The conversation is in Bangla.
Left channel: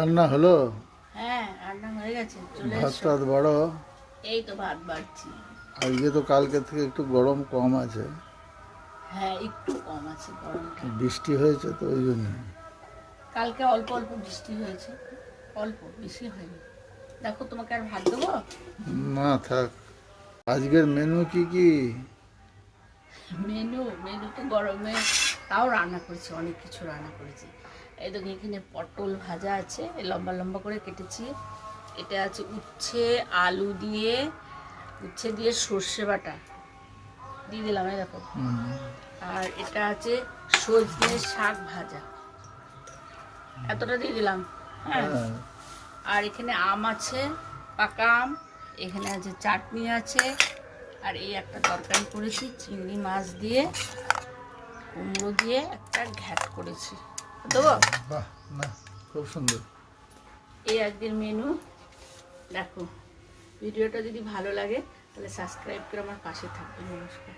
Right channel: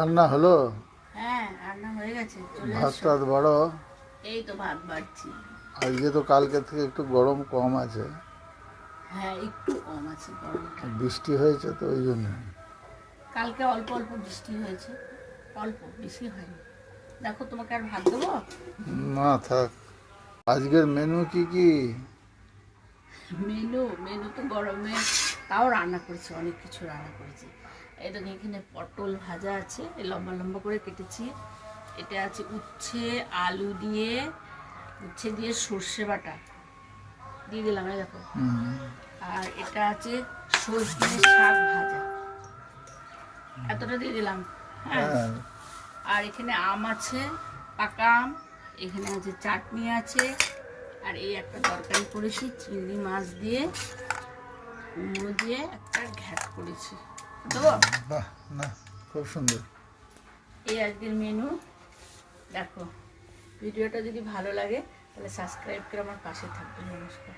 রান্না হলো? হ্যাঁ, রান্না হয়ে গেছে, চলে ভাত এসো। টাত বড়? এই তো ভাত বাড়ছি। আজকে তো কালকে থেকে একটু গরম কম আছে। হ্যাঁ, একটু কম আছে গরমটা। বৃষ্টি হয়েছে তো ওই জন্য। কালকে অল্প অল্প বৃষ্টি হয়েছে, অল্প, বেশি হয়নি। দেখো, তোমাকে আর ভাত দেবো? না থাক। আজকের মেনু কি কি? মেনু মেনু তো গরমে তাও রান্না করেছি, অনেক কিছু রান্না করেছি। এই তো এখানে পটল ভাজা আছে, লম্বা লম্বা করে কেটেছি। এটা আছে উচ্ছে আলু দিয়ে, উচ্ছে দিয়ে সর্ষে বাটা দিয়ে দিলাম, এই দেখো। আর এটা আছে সজনে শাক ভাজা, এতটা দিয়ে দিলাম। হ্যাঁ, হ্যাঁ। আর এখানে আম আছে, পাকা আম। এখানে আছে চাটনি আছে। আর এই একটা তরকারি করেছি চিংড়ি মাছ দিয়ে, কুমড়ো দিয়ে একটা ঘ্যাট করেছি, দেবো? বাহ, না খুব সুন্দর। এই আজকের মেনু। দেখো, ভিডিওটা যদি ভালো লাগে তাহলে সাবস্ক্রাইব করে আমার পাশে থাকবে। নমস্কার।